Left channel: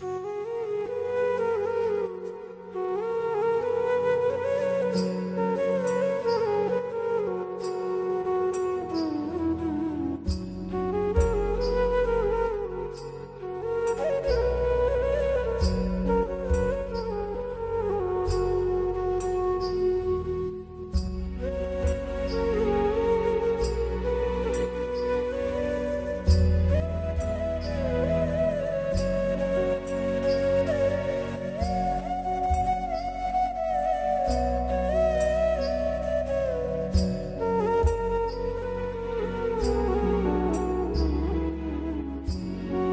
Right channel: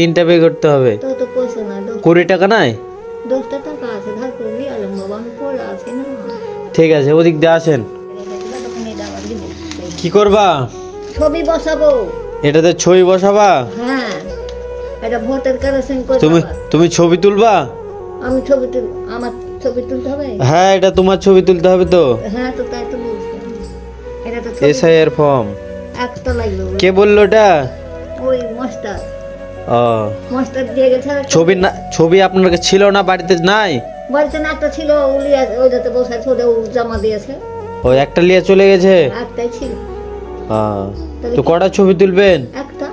তিনটা পে করতে হবে। তো তো পয়সা না 20 টাকা নাই? 10টা টাকা আছে ধার করবি আলম বাবা আমি পড়ে আছি না। ঠিক আছে, ওদিক দিয়ে আসেন। কি করবা? ছবি বসাবো। এটাতে ছবি বসাবা? হ্যাঁ, এটা ভোটার কার্ড সেন্ড করতে তুমি হবে। তুমি ছবি তুলবা? আমি ছবি তুল আমার ছবি তুলতে হবে। হ্যাঁ, এটা তোমার ছবি তুলতে হবে তো। হ্যাঁ তো তাই তো বলছি। এটা তো এসআইআর ফর্ম। একটা লাগবে। কে বললো এটা? ওই মাস্টার ও, মাস্টার দিয়ে গেছে। ছবি না, ছবি আপনার কাছে ছিল না, বাড়িতে নাই? বাড়িতে না একটা ছিল উলিয়া ওই যাতে বসায় ছোট জমা দিয়েছে। ও, একটা লিয়ে চলে গেছে। একটাই ছিল। তো কটা ছবি তুলবেন? একটা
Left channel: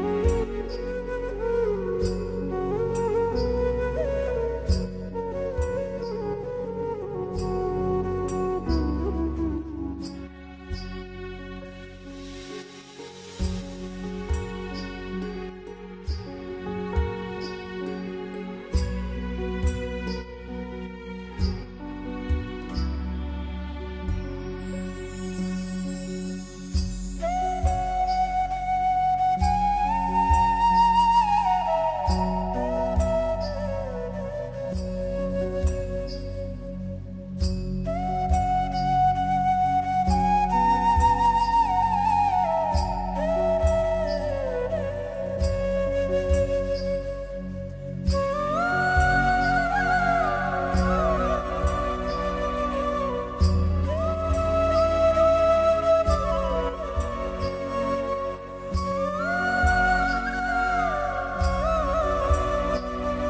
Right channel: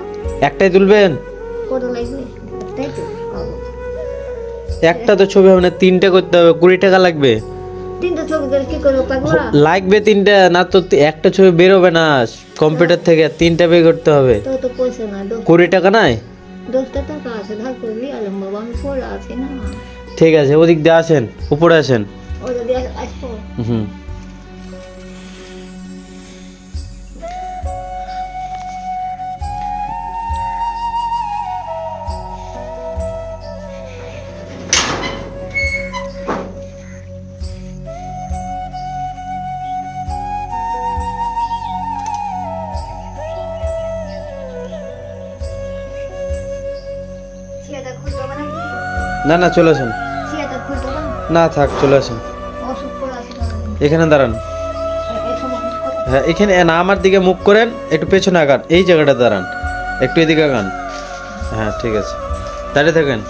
একটাই তুলবেন? কত লাগবে? তাই তো একটা তো ছবি হবে না, তিনটে করতে হবে, 20 টাকা লাগবে। তিনটা ছবি করে কি করবো পাগলা? লাগবে তিনটা, না তো একটা ছবি বেরোবে না কম্পিউটার থেকে, তিনটা পে করতে হবে। তো তো পয়সা না 20 টাকা নাই? 10টা টাকা আছে ধার করবি আলম বাবা আমি পড়ে আছি না। ঠিক আছে, ওদিক দিয়ে আসেন, উপরে আসেন। ওই যদি আসবো হুম। সিয়াটা খুলতে হবে নাকি? না না, চলে আসেন। সিয়াটা খুলতে হবে না থাক, চলে আসেন। ওষুধ করে আসবো। এখানে দাঁড়ান। এই সময় হ্যাঁ, এখানে না, আমার দিকে মুখ করেন, একটু পেছনে আগান, এই জায়গাটা দাঁড়ান, একটু এদিকে আগান। হ্যাঁ ঠিক আছে, দাঁড়িয়ে থাকেন।